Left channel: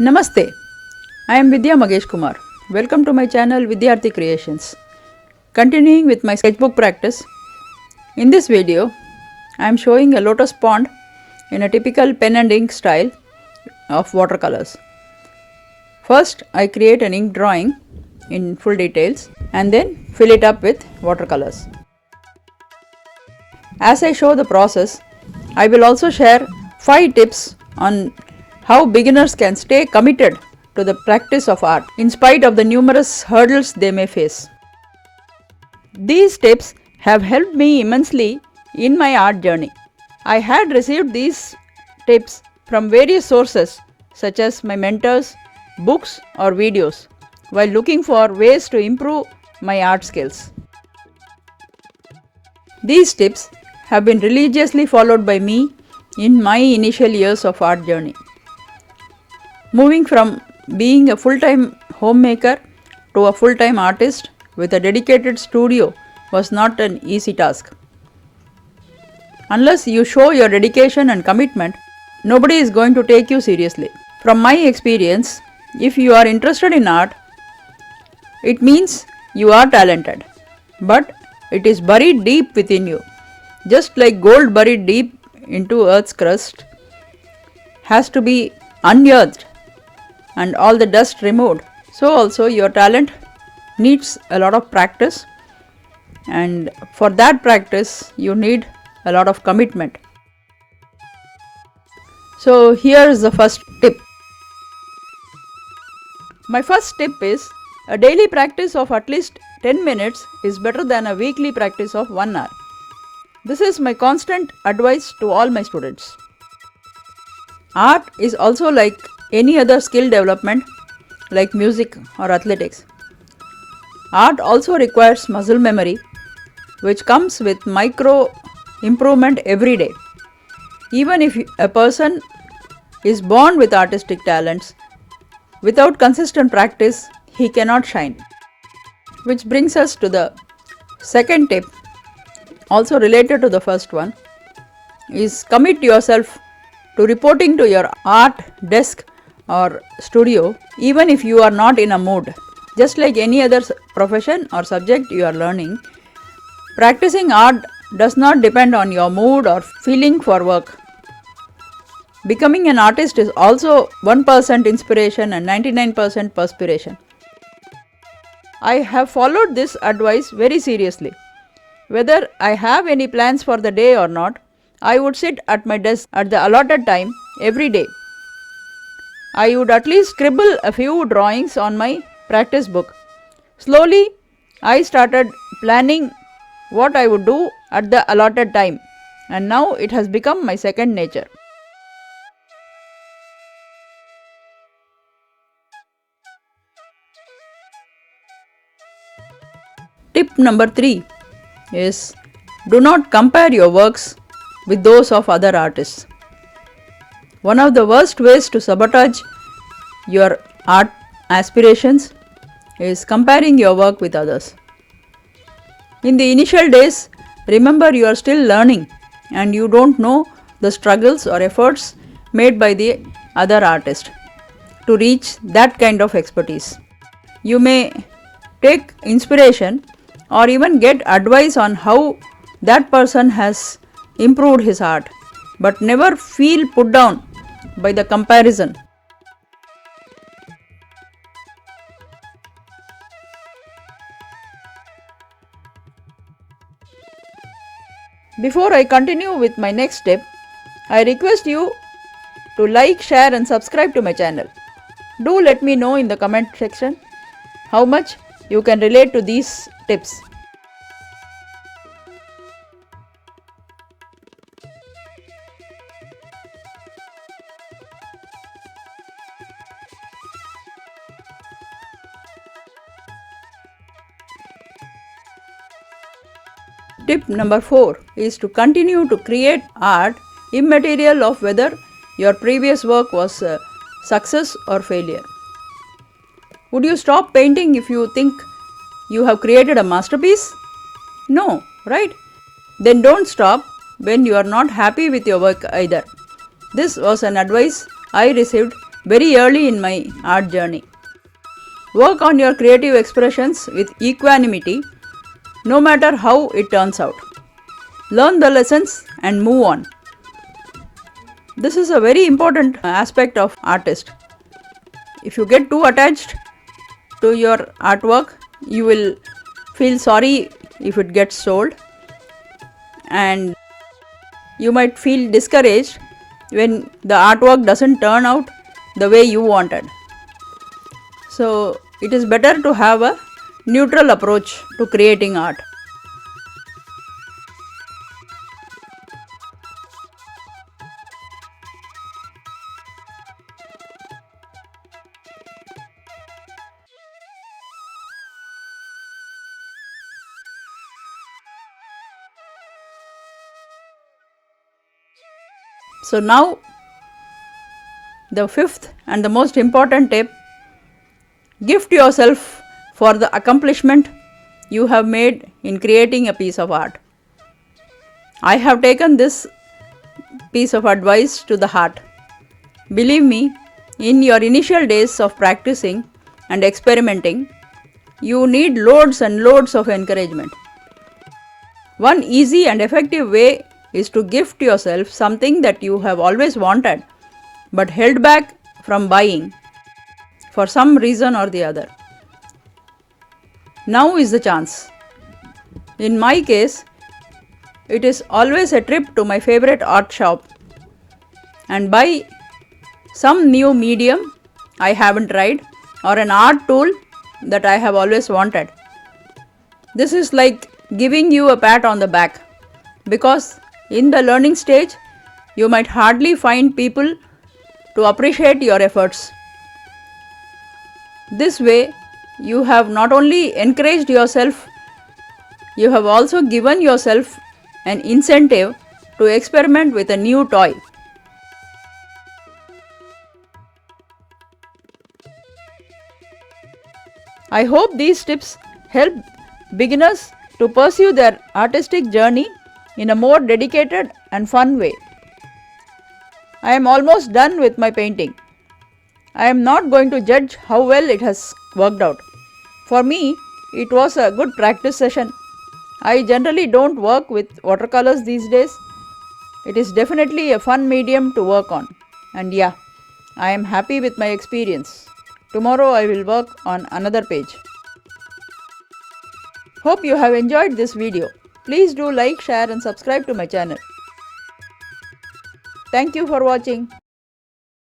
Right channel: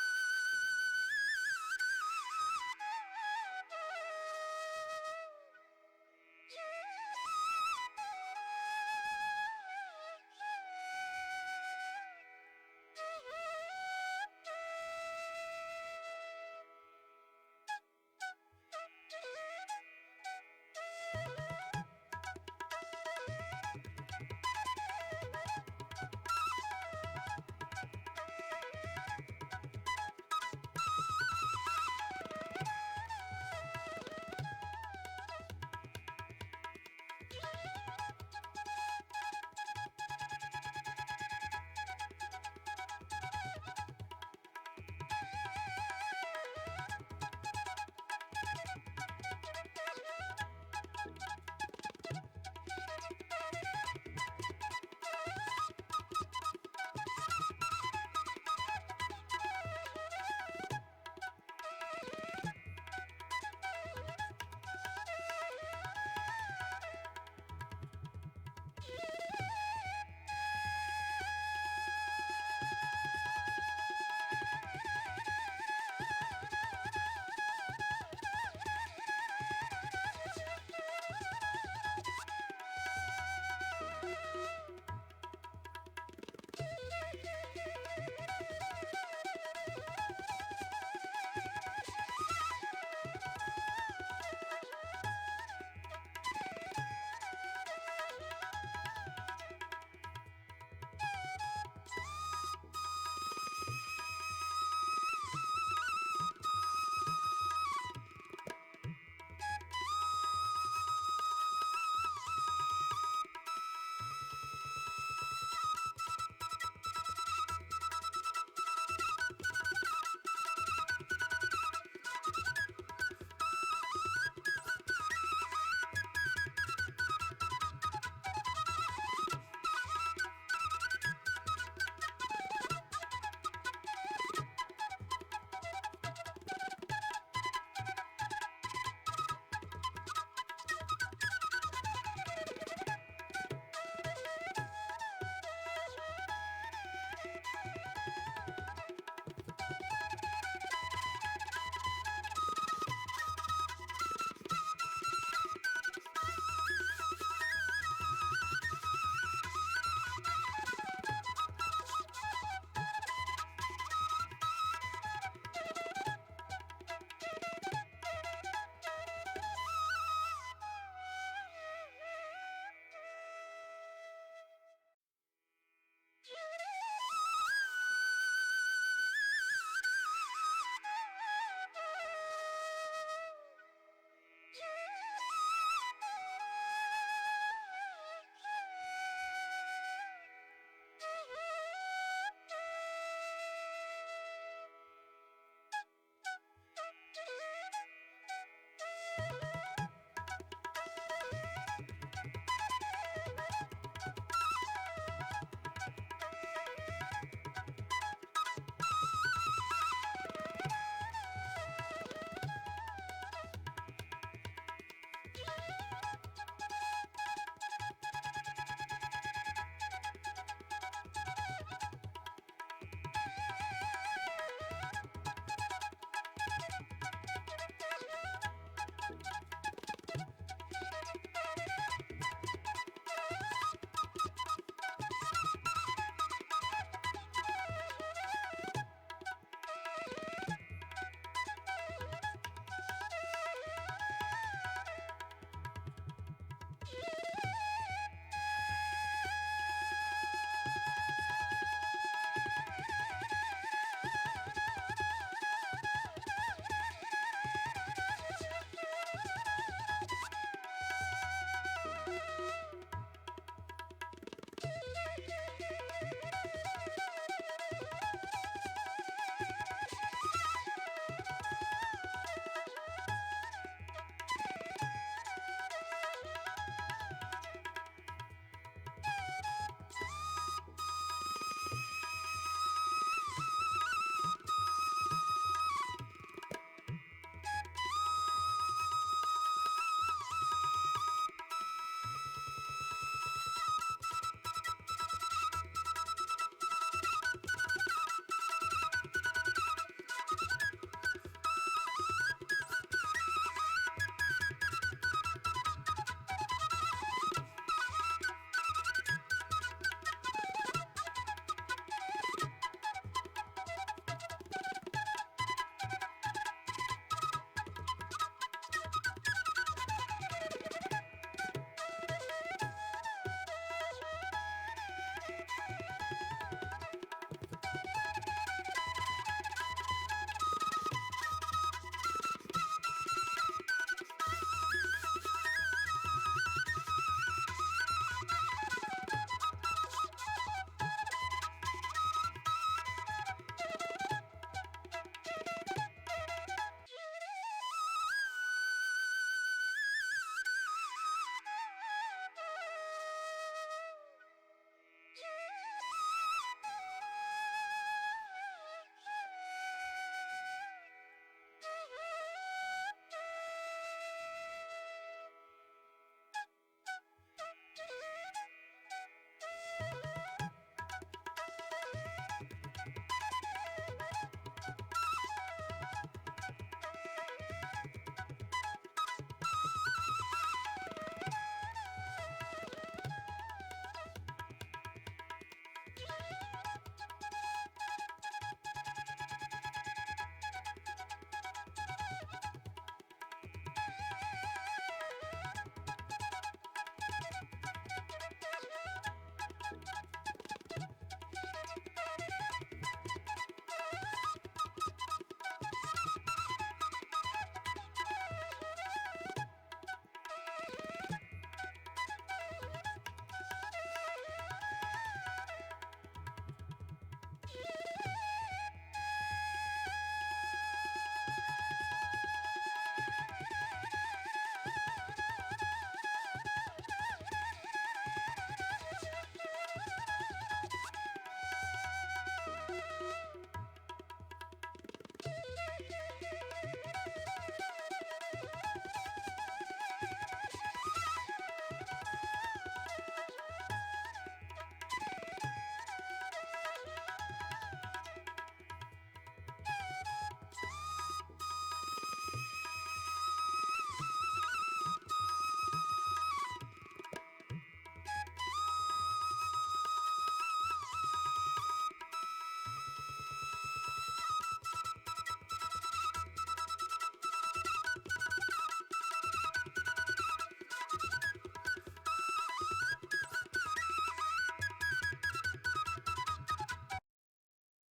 Namaste, I am Vidya Magesh Kumar. Welcome to my channel Vidyarthi Creations. Continuing with my sketchbook practice, in this video I am showing a lotus pond in a typical pen and ink style of watercolors. First I create an ink drawing in full details and then fill it up with watercolors. As I show the process, I will also share 5 tips on how beginners can stay committed to the practice of art in spite of the numerous hurdles they may face. These tips have helped me immensely in my art journey. I had received these tips from various sources such as my mentors, books or videos while looking for ways to improve my art skills. These tips have been religiously followed by me in my initial years of art journey. Moving from being a full-time homemaker to a full-time artist with a dedicated studio was not an easy task. Unless you show your dedication and commitment, nobody is going to take you seriously. From my experience, if you are interested in art, it means you are talented, but it is buried deep within you. Just like gold buried deep into earth's crust has to be unearthed and all the dust removed, so also your talent needs a lot of practice, and for that practice you need a lot of commitment. So here is the first tip. My first tip is a daily practice of at least 10 minutes is better than a weekly practice of 1 hour. This is my constant advice to all my students. Art is also like any other skill development like music or athletics. Art also requires muscle memory, which comes with micro improvement every day. Even if a person is born with artistic talents, without consistent practice, he cannot shine. Which brings us to the second tip, also related to the first one, is commit yourself to reporting to your art desk or studio even if you are not in a mood. Just like any other profession or subject you are learning, practicing art does not depend on your mood or feeling for work. Becoming an artist is also 1% inspiration and 99% perspiration. I have followed this advice very seriously. Whether I have any plans for the day or not, I would sit at my desk at the allotted time every day. I would at least scribble a few drawings on my practice book. Slowly, I started planning what I would do at the allotted time, and now it has become my second nature. Tip number 3 is do not compare your works with those of other artists. One of the worst ways to sabotage your art aspirations is comparing your work with others. In the initial days, remember you are still learning and you don't know the struggles or efforts made by the other artist to reach that kind of expertise. You may take inspiration or even get advice on how that person has improved his art, but never feel put down by the comparison. Before I continue with my next step, I request you to like, share and subscribe to my channel. Do let me know in the comment section how much you can relate to these tips. Tip number 4 is to continue to create art immaterial of whether your previous work was a success or failure. Would you stop painting if you think you have created a masterpiece? No, right? Then don't stop when you are not happy with your work either. This was an advice I received very early in my art journey. Work on your creative expressions with equanimity, no matter how it turns out. Learn the lessons and move on. This is a very important aspect of artist. If you get too attached to your artwork, you will feel sorry if it gets sold, and you might feel discouraged when the artwork doesn't turn out the way you wanted. So it is better to have a neutral approach to creating art. So now the fifth and the most important tip: gift yourself for the accomplishment you have made in creating a piece of art. I have taken this piece of advice to the heart. Believe me, in your initial days of practicing and experimenting, you need loads and loads of encouragement. One easy and effective way is to gift yourself something that you have always wanted but held back from buying for some reason or the other. Now is the chance. In my case, it is always a trip to my favorite art shop and buy some new medium I haven't tried or an art tool that I have always wanted. This is like giving you a pat on the back, because in the learning stage, you might hardly find people to appreciate your efforts. This way, you have not only encouraged yourself, you have also given yourself an incentive to experiment with a new toy. I hope these tips help beginners to pursue their artistic journey in a more dedicated and fun way. I am almost done with my painting. I am not going to judge how well it has worked out. For me, it was a good practice session. I generally don't work with watercolors these days. It is definitely a fun medium to work on. And yeah, I am happy with my experience. Tomorrow I will work on another page. Hope you have enjoyed this video. Please do like, share and subscribe to my channel. Thank you for watching.